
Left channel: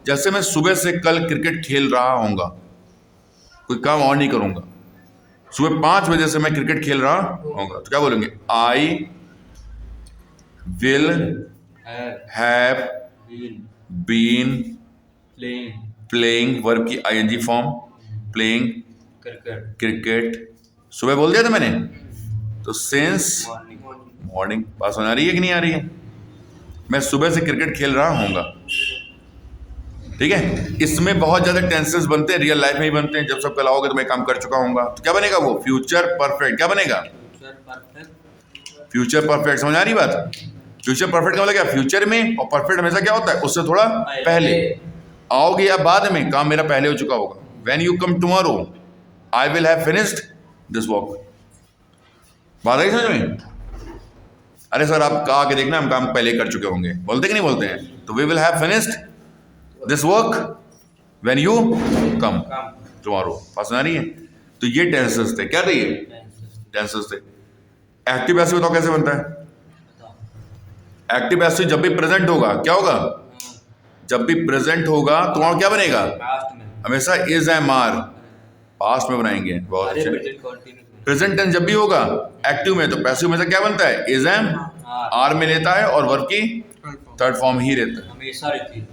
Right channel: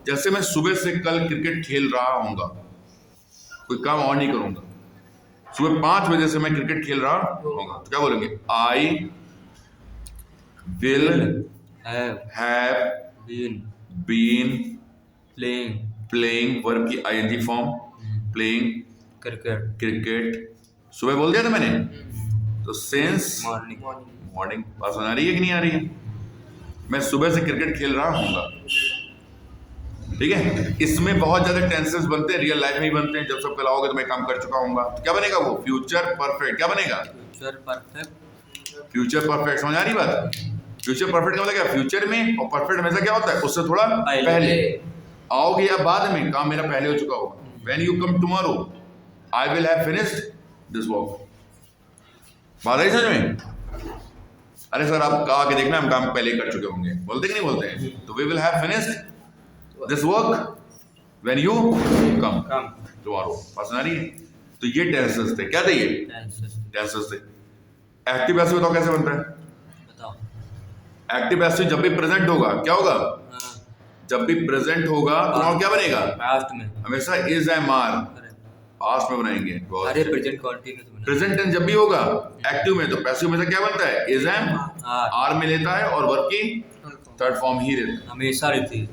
जैसे मैं सुबह से कल क्रिकेट खेल रहा हूँगा, कोई काम और नहीं करूंगा, सुबह 5 बजे से मैं क्रिकेट खेल रहा हूँगा, तो क्या बोलेंगे? I will have been, been playing, playing, verb की ING form, playing cricket, cricket. सुबह बोल दिया था मैंने। तो सिंस morning, मॉर्निंग। बात सुना रही है कि नहीं आ रही है? मैं सुबह से क्रिकेट खेल रहा हूँगा। ठीक है, इसमें बहुत ज्यादा टेंसेस बनते हैं, रियल लाइफ में ही बनते हैं। जब सब कल आओगे तो मैं काम कर चुका हूँगा, तो क्या बनेगा? वो फ्यूचर परफेक्ट। क्या बनेगा? future perfect, future perfect. समझ आ रही बात? फ्यूचर परफेक्ट का मतलब क्या? फ्यूचर में। और परफेक्ट हमेशा क्या होता है? उससे थोड़ा पहले। आओगे या बाद में, काम मेरा पहले हो चुका होगा। When you come tomorrow I will have finished this work. बात आई समझ में? अरे सर आप आके देखना, हम काम पहले कर चुके होंगे, बोलते कि नहीं बोलते हैं? तो we will have finished this work when you come come, tomorrow. बात सुना रही है? तो ये टेंसेस थे। क्या थे ये? tenses, टेंसेस थे। एक्टिव पैसिव बताओ कैसे बनता है? बताओ, एक्टिव पैसिव जब भी प्रेजेंट होगा, क्या होगा? जब भी प्रेजेंट होगा तो वहां क्या बनेगा? past में, हमेशा इज एम आर पास्ट में बनाएंगे। बहुत अरे अच्छा। present continuous में, प्रेजेंट टेंस जब भी होगा एक्टिव में, तो पैसिव में से क्या बनता है? इज एम आर में लेता है और वर्ब की थर्ड फॉर्म ही रहता है। हमेशा रहती है,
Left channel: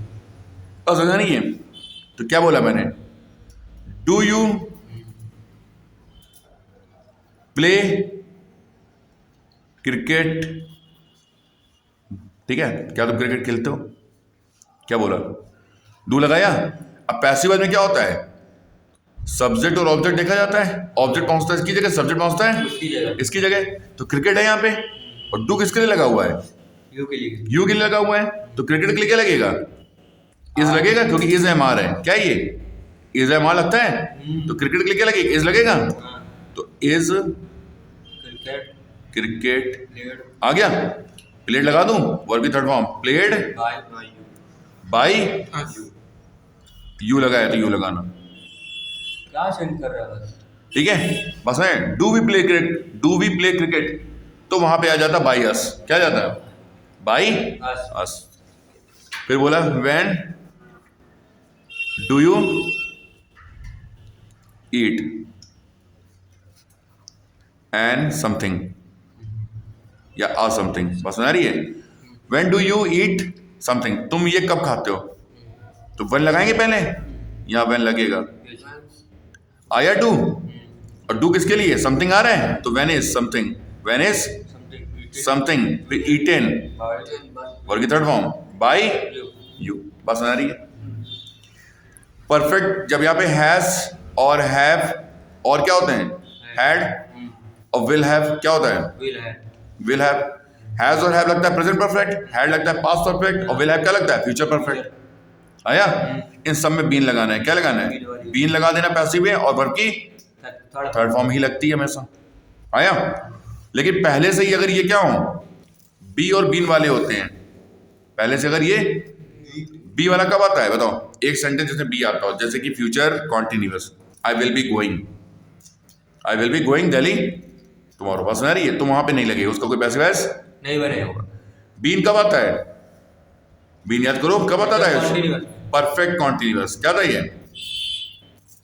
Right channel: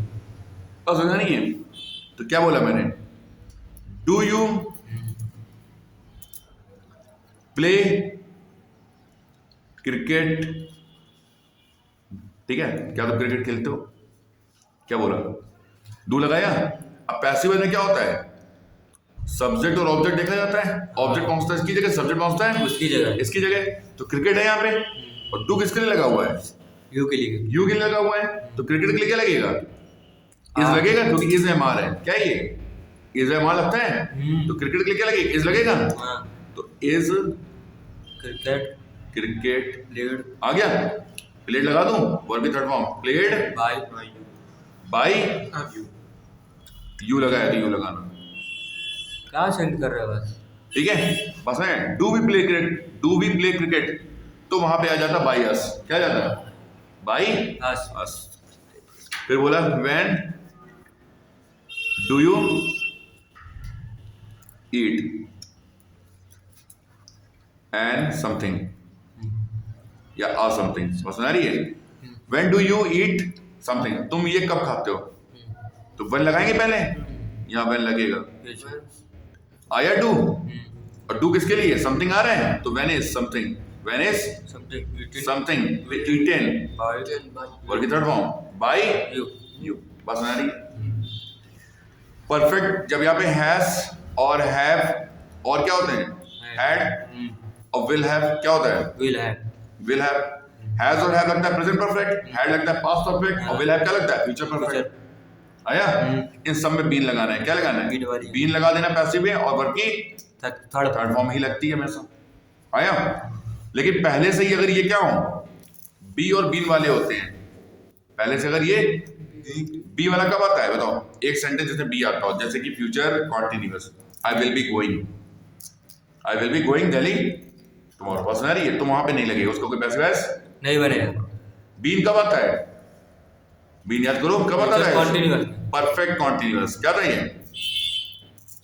और समझा नहीं है? तो क्या बोला मैंने? Do you play cricket? ठीक है, क्या तुम क्रिकेट खेलते हो? क्या बोला? डू लगाया। अब पैसिव में क्या होता है? सब्जेक्ट और ऑब्जेक्ट देखा जाता है। ऑब्जेक्ट पहुंचता है इसकी जगह, सब्जेक्ट पहुंचता है उसकी जगह, इसकी जगह। तो क्रिकेट है यहाँ पे, और डू किसके लिए लगा हुआ है? यू के लिए, यू के लिए लगा हुआ है। तो क्रिकेट के लिए क्या लगेगा? इज लगेगा, क्योंकि इज एम आर है। क्या ये इज एम आर लगता है? तो क्रिकेट के लिए क्या लगेगा? इज लगेगा। हाँ, तो इज क्रिकेट क्रिकेट प्लेड आ गया, प्लेड लगा दूं, वर्ब की third form played by by, you you लगाया तो यू लगाना, क्या सेंड कर रहा है बस। ठीक है। बस है do we play cricket, do we play cricket, तो वहां पे आ जाता बाई अस, क्या आ जाता बाई बस अस। फिर बोला when do you eat and something या आ समथिंग, बस सुना रही है। When do you eat something, तुम ये कब खाते हो, तो वन लगाएंगे पहले, यहाँ वन लगेगा, आया डू, और डू किसके लिए, समथिंग आ रहा है, तो when is something, when is something, फिर ईटेन वर्ब की थर्ड फॉर्म बाय यू, बस सुना रही है। परफेक्ट जब यहाँ पे हैज और हैव और क्या होते हैं, हैड और विल हैव, क्या होता है, विल है विल हैव। हैज और हैव लगता है प्रेजेंट परफेक्ट, हैड लगता है पास्ट परफेक्ट, और विल हैव क्या लगता है, फ्यूचर परफेक्ट। आया, इन सब में बीन लगाना है, क्या लगाना है, बीन वाली। बीन लगा देना पैसिव है, और वर्ब की थर्ड थर्ड फॉर्म ही लगती है हमेशा। आया, लेकिन पहले से ही अगर ये क्या हो, बी और बीन वाले होते हैं, पहले से अगर ये बी वाला कब आता है बताओ, एक सेंटेंस जैसे बी आता हो, जैसे कि future continuous, I will be going, I will be going Delhi tomorrow, बस सुना रही है, तो वहां पे नहीं लगेगा उसका कोई पैसिव वॉइस नहीं बनेगा। बीन कब आता है, बीन याद करो कब आता है, Continuous। परफेक्ट कॉन्टिन्यूअस, क्या था ये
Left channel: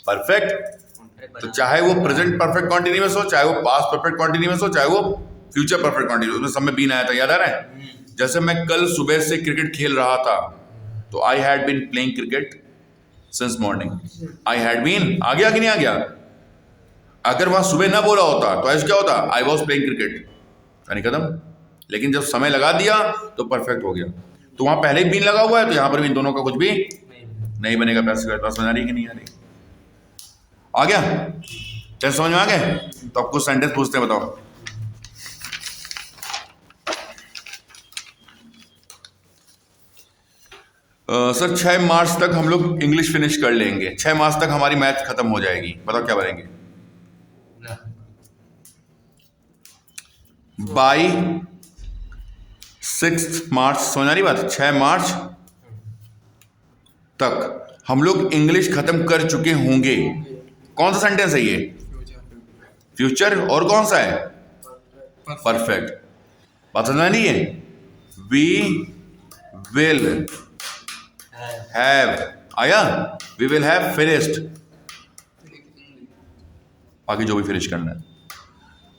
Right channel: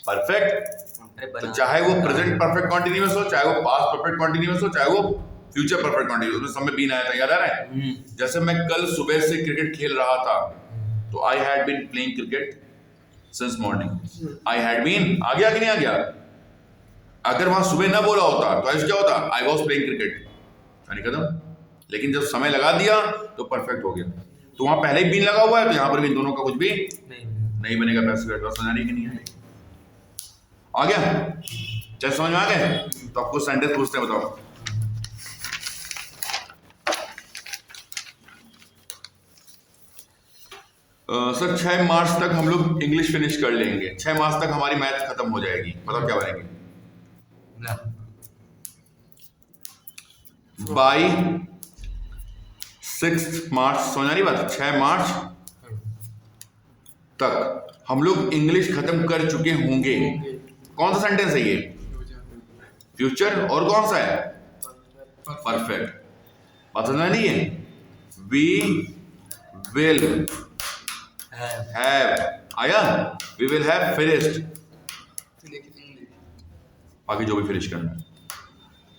परफेक्ट, अरे तो बना चाहे वो प्रेजेंट परफेक्ट कॉन्टिन्यूअस हो, चाहे वो पास्ट परफेक्ट कॉन्टिन्यूअस हो, चाहे वो फ्यूचर परफेक्ट कॉन्टिन्यूअस, उसमें सब में बीन आया था, याद आ रहा है। जैसे मैं कल सुबह से क्रिकेट खेल रहा था, तो I had been playing cricket since morning, I had been आ गया कि नहीं आ गया, अगर वहां सुबह ना बोला होता तो ऐसा क्या होता, आई वॉज प्लेइंग क्रिकेट, यानी खत्म। लेकिन जब समय लगा दिया तो परफेक्ट हो गया, तो वहां पहले ही बीन लगा हुआ है, तो यहां पर भी इन दोनों का कुछ भी नहीं बनेगा, पैसिव वॉइस, बस बना रही कि नहीं आ रही, आ गया, चल समझ में आ गया। तो आपको सेंटेंस पूछते हैं, बताओ। सर 6 मार्च तक हम लोग इंग्लिश फिनिश कर लेंगे, 6 मार्च तक हमारी मैथ खत्म हो जाएगी, बताओ क्या बनेंगे, ना बाई 6 मार्च, समझ रही बात, 6 मार्च तक हम लोग इंग्लिश खत्म कर चुके होंगे। कौन सा सेंटेंस है ये, फ्यूचर, और कौन सा है, परफेक्ट, बात समझ में नहीं है। वी विल हैव, आया, वी विल हैव फिनिश्ड, बाकी जो भी फिनिश करना है,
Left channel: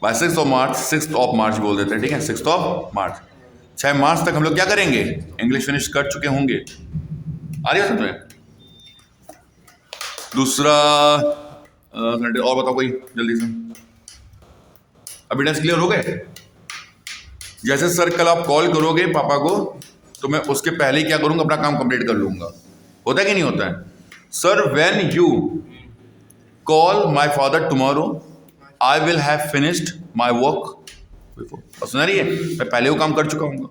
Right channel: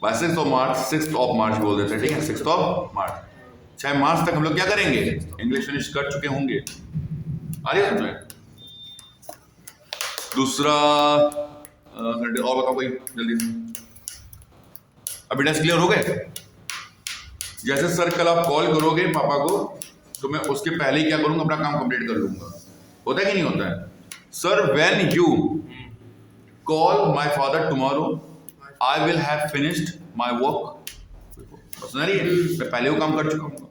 बाय 6 मार्च, 6 मार्च बोल देते हैं, ठीक है, 6 मार्च, 6 मार्च तक हम लोग क्या करेंगे, इंग्लिश फिनिश कर चुके होंगे। आ रही है समझ में। दूसरा और बताओ कोई जल्दी से, एविडेंस क्लियर हो गए। जैसे सर कल आप कॉल करोगे पापा को, तो मैं उसके पहले ही क्या करूंगा, अपना काम कंप्लीट कर लूंगा, होता है कि नहीं होता है। Sir when you call my father tomorrow, I will have finished my work before, सुना रही है, मैं पहले वो काम कर चुका हूँ,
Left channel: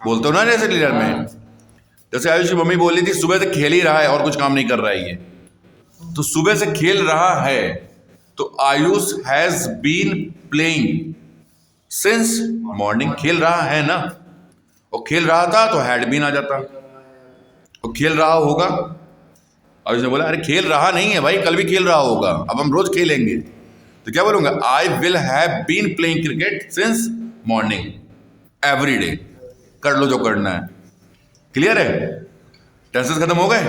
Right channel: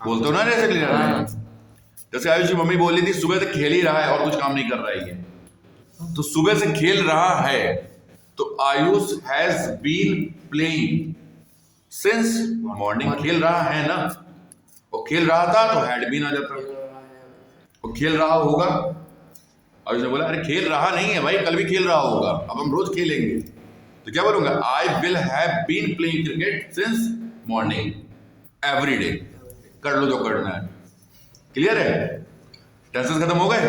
बोलते हो ना जैसे क्लियर में। जैसे आयुष की मम्मी बोल रही थी सुबह से खेल ही रहा है और कुछ काम नहीं कर रहा है ये, तो सुबह से खेल रहा है, तो Ayush has been playing since morning, खेल रहा है ना, और खेल रहा था तो हैड बीन आ जाता, तो खेल रहा होगा। आयुष ने बोला अरे खेल रहा नहीं है भाई, कल भी खेल रहा होगा, अब हम रोज खेलेंगे, तो क्या बोलूंगा, I will have been playing cricket since morning every day, कर लो जो करना है। क्लियर है, टेंसेस खत्म हो गए।